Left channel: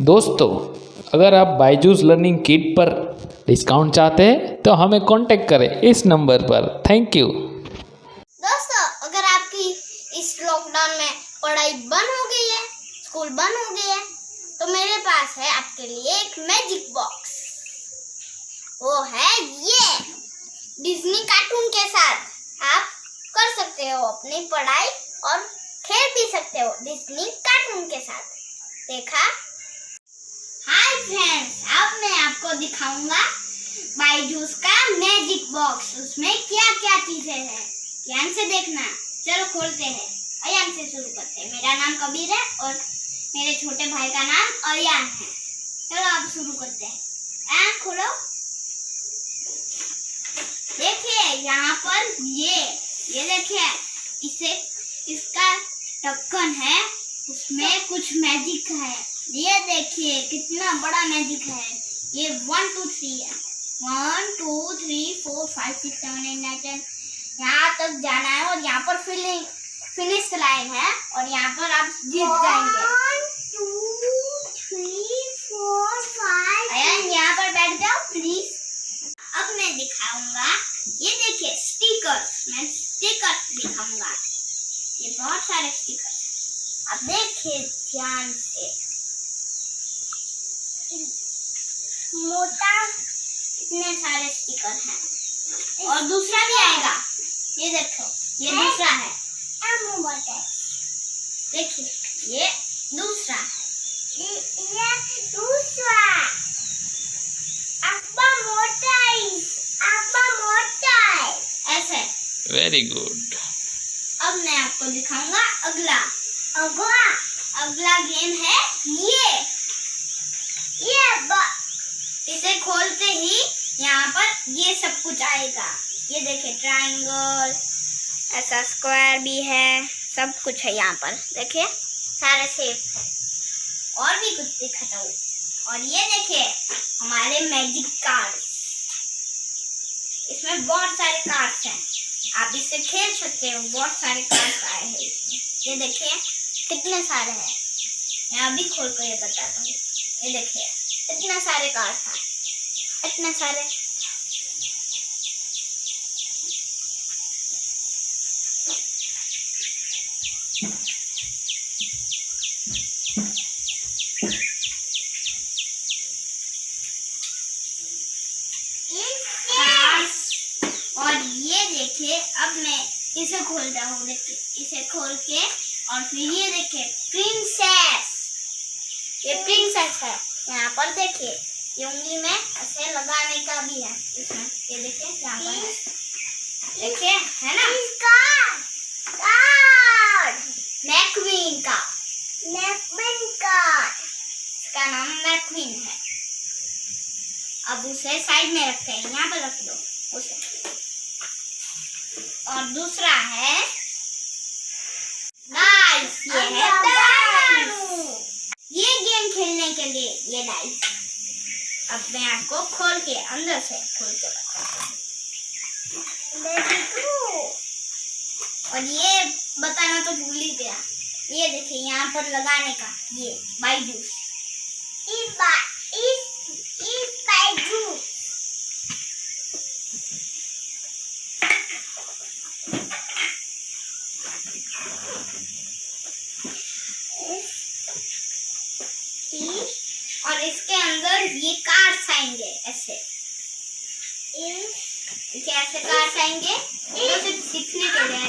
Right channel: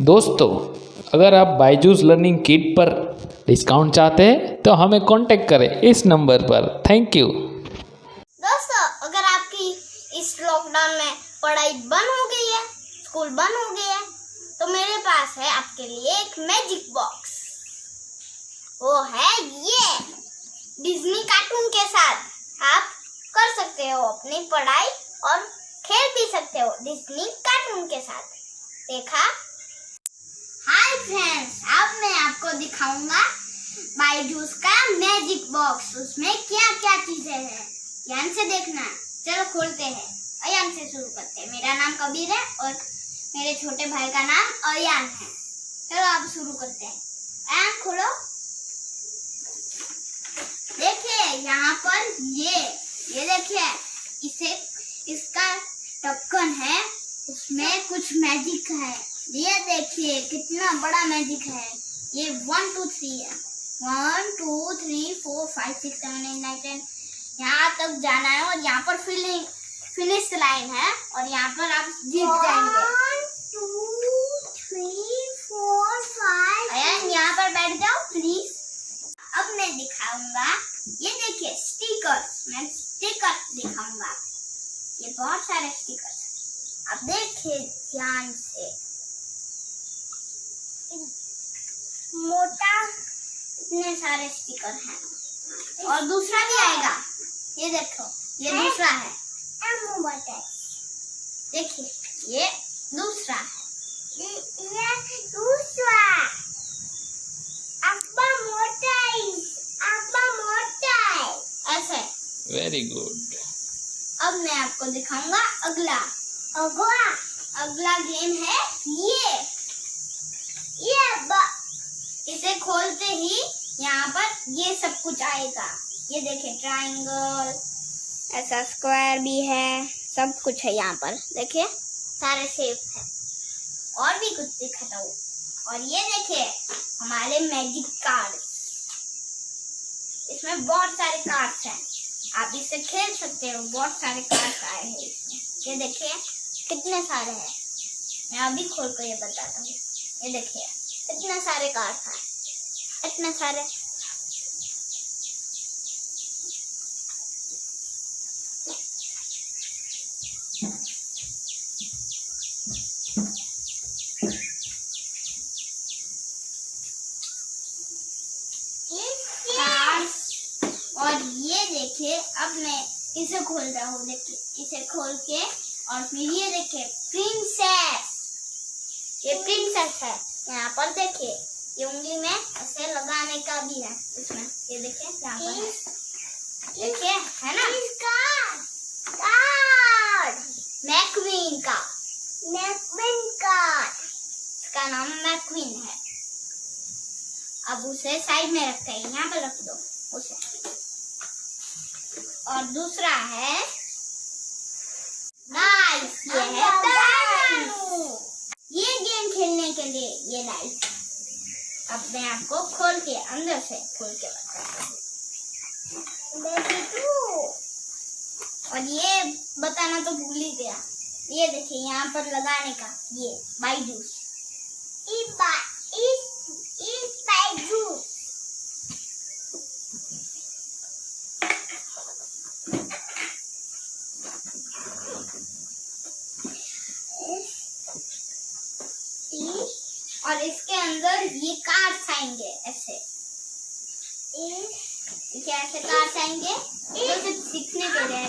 दोस्तों, अगर आप बायजूस लर्निंग किट पर डिस्काउंट चाहते हैं तो हमें कांटेक्ट करें इस नंबर पर। Thank you. दोस्तों, अगर आपकी इस लॉकडाउन में पढ़ाई बंद हो गई है, स्कूल बंद हो गई है, तो मेरे पास है आपके लिए एक मैजिक बॉक्स। वो है ये डिज्नी कार्टून के साथ आप कर सकते हो अपनी पढ़ाई और खेल भी सकते हो डिज्नी कार्टून के साथ। देखा? हाय फ्रेंड्स, अब मैं आपको दिखाऊंगा बायजूस का मैजिक बॉक्स। उसमें क्या क्या चीजें हैं, ध्यान से देखना। चलो खोलते हैं, अयान से शुरू करते हैं। मेरा नाम कबीर है और मेरे छोटे भाई का नाम अयान है। चलो अब शुरू करते हैं। अयान खोलो। देखिए यहाँ पर ये देखिए, इसका ढक्कन है, उसमें कुछ मैजिक है। ये देखिए कितना बड़ा मैजिक है। ये 1 2 3 है। 1 2 3 4 5 6 7 8 9 10 यहाँ तक जाना है और यहाँ पर फिनिश लाइन है और यहाँ पर आप जीत जाएंगे। 1 2 3 4 5 अयान यहाँ पर बैठ जाओ प्लीज। अब मैं दिखाऊंगा, ये देखिए स्टिकर्स। मैं स्टिकर्स दिखाऊंगा। ये बहुत सारे स्टिकर्स, आप देखिए ध्यान से। मोटा इतने सारे स्टिकर हैं और दूसरा भी आएगा। ये देखो, ये दूसरा है। देखिए ये दूसरा है। ये दूसरा अब्बा मोटा है ऐसे। Very good. अब मैं आपको दिखाऊंगा अगला गेम है इसे खोलते ही यहाँ पर ये सब कुछ आएगा। ये देखिए ट्रायंगल, ऐसा स्क्वायर भी है, सब कुछ है यहाँ पर। देखिए सारे शेप है और भी कुछ दिखाता हूँ। और ये देखिए हमारे मैजिक कार्ड्स, इसमें बहुत सारे कार्ड्स हैं, आप इससे खेल सकते हो। बहुत सारे कार्ड्स आए हैं इसमें। ये देखिए कितने सारे हैं। मैं अभी खोल कर ये बताता हूँ। ये देखिए इतने सारे कार्ड्स हैं, इतने सारे। और ये देखिए, अब मैं इसे खोल रहा हूँ। देखिए इसे खोल के और फिर ये देखिए प्रिंसेस। ये प्रिंसेस है। यहाँ पर देखिए ये उंगली में ऐसे लगाने का भी है इसमें। ये देखिए यहाँ पर है। देखिए है ना, मैक्वीन का इसका नाम मैक्वीन है। अब उसे साइड में रखते हैं, यहाँ पर रख दो उसे। और दूसरा है डाइस। ये है डाइस। ये गेम खेलने के लिए ये डाइस। अब मैं आपको खोल के अंदर से खोल के बताता हूँ। और ये बताना तो भूल ही गया। ये देखिए यहाँ पर लगाने का, ये बायजूस। और इसके अंदर ये कार्ड्स आएंगे ऐसे। ऐसे कार्ड्स आएंगे तो सिर्फ सीखने के लिए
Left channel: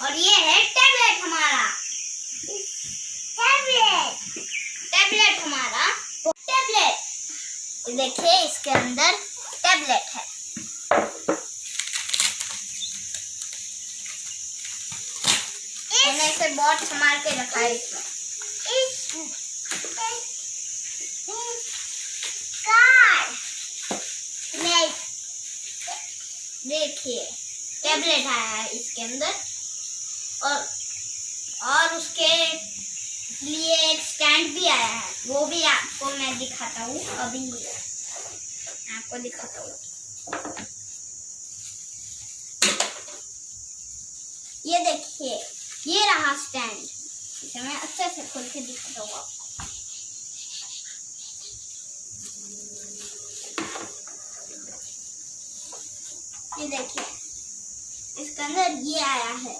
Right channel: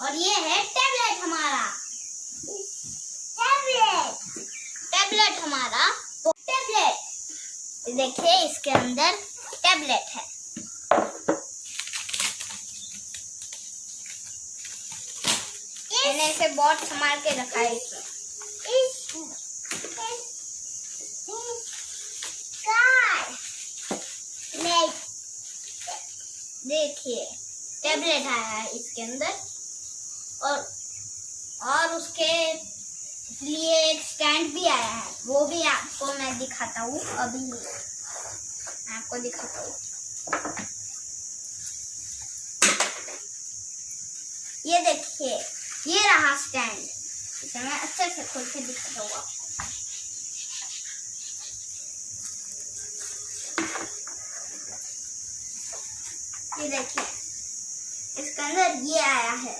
और ये है टैबलेट हमारा। देखिए इसके अंदर टैबलेट है। मैंने इसे बहुत संभाल के रखा है इसमें। देखिए टैबलेट आया है इसके अंदर और उसके लिए एक स्टैंड भी आया है। वो भी आपको मैं दिखाता हूँ। अभी आपको दिखाता हूँ। ये देखिए, ये रहा स्टैंड। इसे मैं अच्छे से खोल के दिखाता हूँ आपको। ये देखिए, इसके अंदर ये आया है,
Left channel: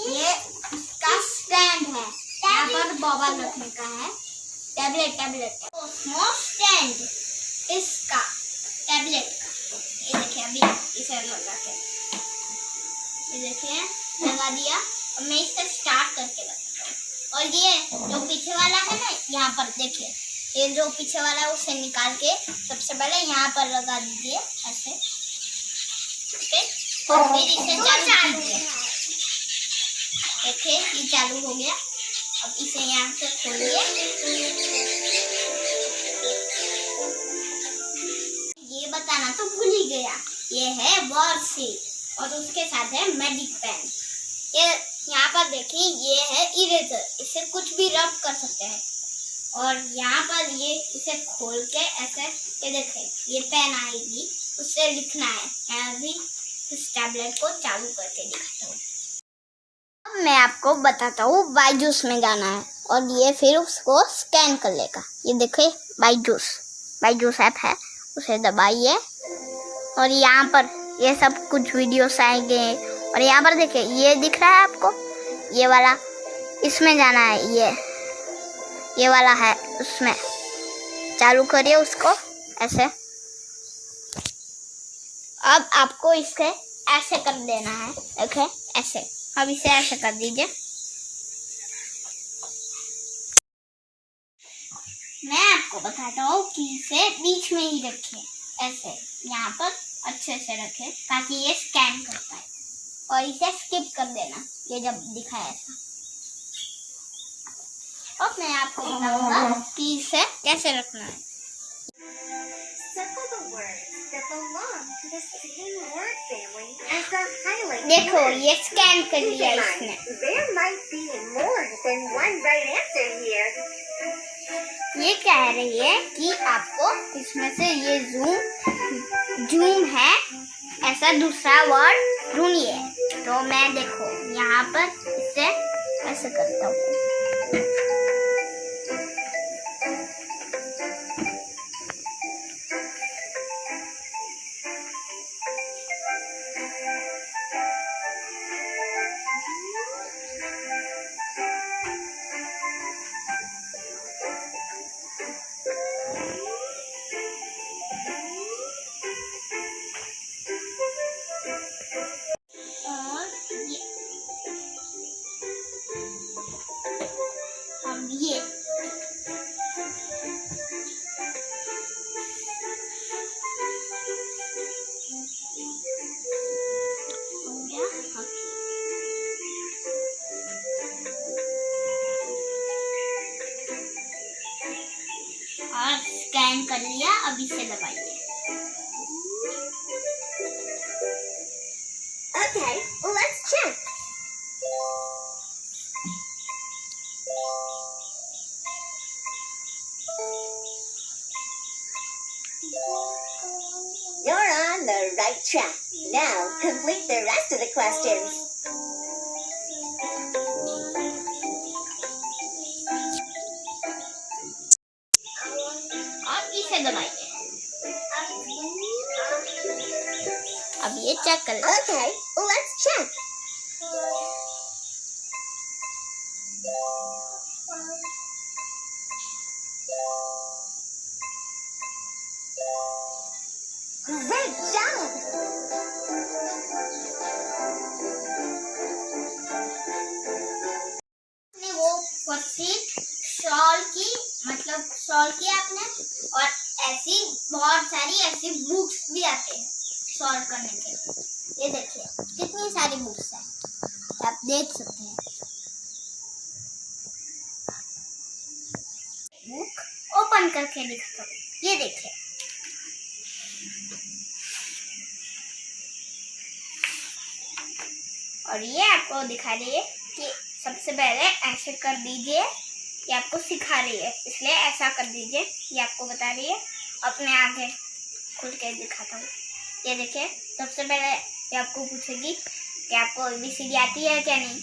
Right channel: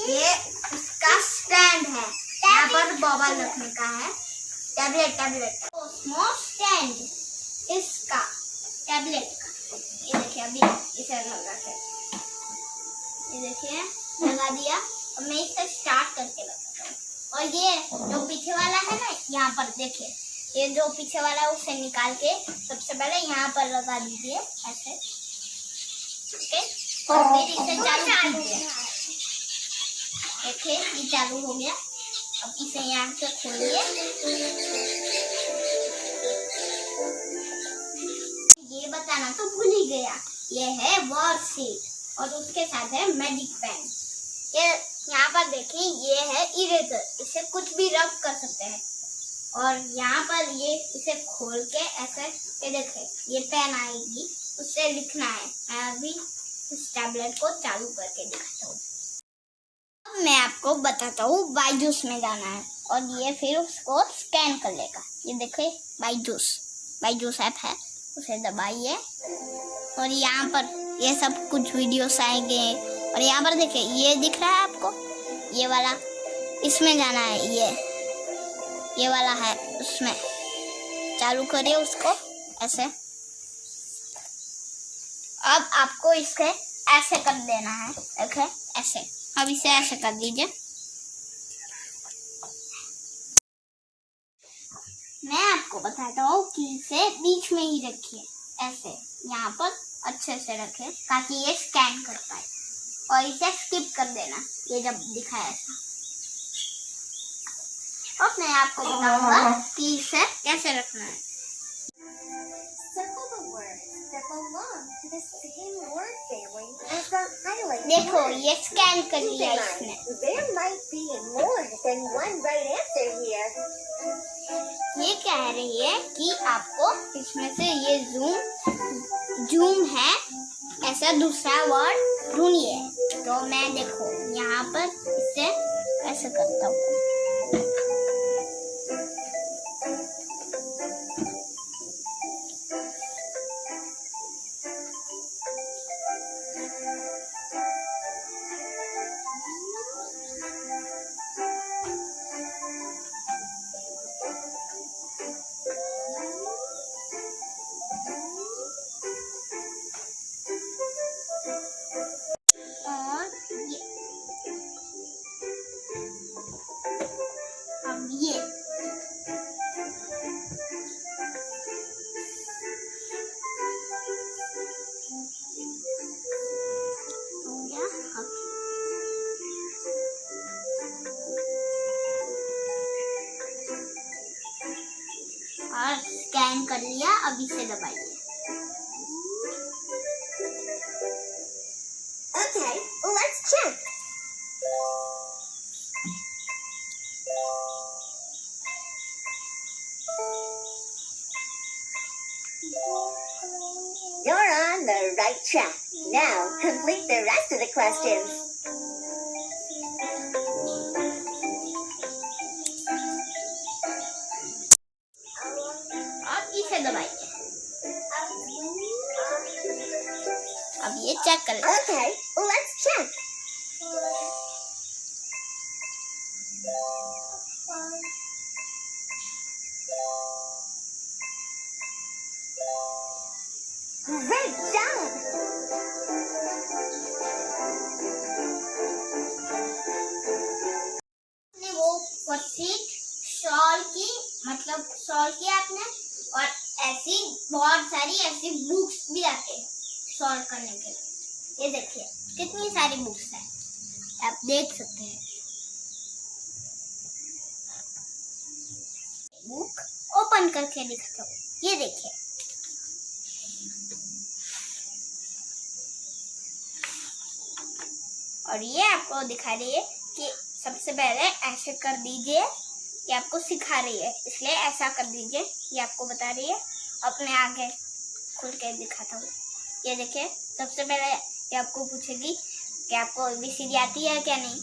ये इसका स्टैंड है, यहाँ पर बॉबल रखने का है, टैबलेट ओस्मो स्टैंड इसका टैबलेट का। ये देखिए, अभी इसे लगा के, ये देखिए लगा दिया। अब मैं इसे स्टार्ट करके लगाता हूँ। और ये जो पीछे वाला है ना, यहाँ पर देखिए, ये जो पीछे वाला है उसे निकाल के सबसे पहले यहाँ पर लगा दीजिए ऐसे, ठीक है। और फिर इसे चालू कीजिए। देखिए ये चालू हो गया। अब इसे यहाँ से खोलिए। ये बताना तो भूल ही गया, ये है वॉर शीट और उसके साथ है मैजिक पेन। ये यहाँ पर देखिए, ये है इरेजर, इससे कुछ भी रब कर सकते हैं। और यहाँ पर ये इसे खोल के ऐसे, ये देखिए ये पेन आएगी, उससे लिखना है। मैं अभी इस टैबलेट को चालू करके दिखाता हूँ। अब मैं आपको बताता हूँ, बायजूस में जाना है और ये फिर उसको स्कैन कर लेगा। ये देखिए बायजूस ऐप है, उसे दबाइए और यहाँ पर ये सब कुछ वीडियोस आएंगे। और यहाँ पर देखिए, ये दिख रहा है आपको, ये वाला, इसमें जाना है। ये वाला है, उसमें चालू करिए उसको ऐसे। अब आपको इसे ऐसे कर देना है, देखिए ऐसे। अब इसे ऐसे कर दीजिए। मैं आपको बताता हूँ कि इसे बीच में ही रखिए, ऐसे यहाँ पर अच्छे से रखें ताकि ये स्कैन कर पाए। और इसे स्किप कर देना, ये जब दिखाए ऐसा। अब मैं आपको बताऊंगा कि इसे कैसे रखना है। देखो ये स्कैन कर लिया इसने। ये कह रही है कि आपको इसमें से ये जूम है, ऐसा दूसरा वर्ड ढूंढिए। तो मैं देखो यहाँ पर इसे ऐसे करता हूँ। ये और स्कैन कर लिया। अब इसे दबाइए। Okay, let's check. You're on the right track. Now complete the rest of the questions. और इसे दबाइए। अब ये चेक कर लो। Okay, let's check. Great job. वो वर्कशीट सॉल्व की, मतलब सॉल्व किया आपने। और ऐसी बहुत सारी ऐसी बुक्स भी आते हैं सॉल्व करने के लिए। ये देखिए कितनी सारी बुक्स हैं, आप देख सकते हैं। बुक ओपन करके दिखाता हूँ। ये देखिए, और ये आपको दिखा रही है कि सबसे पहले ऐसे कर दीजिए। ये आपको सिखा रही है, इसलिए ऐसा कर दीजिए। ये आपको बता रही है। अपने आगे खुल के दिखाता हूँ। ये देखिए, सबसे पहले ये आपको पूछेगी कि आपको ABCD आती है क्या नहीं।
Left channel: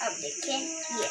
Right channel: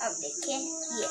अब देखिए ये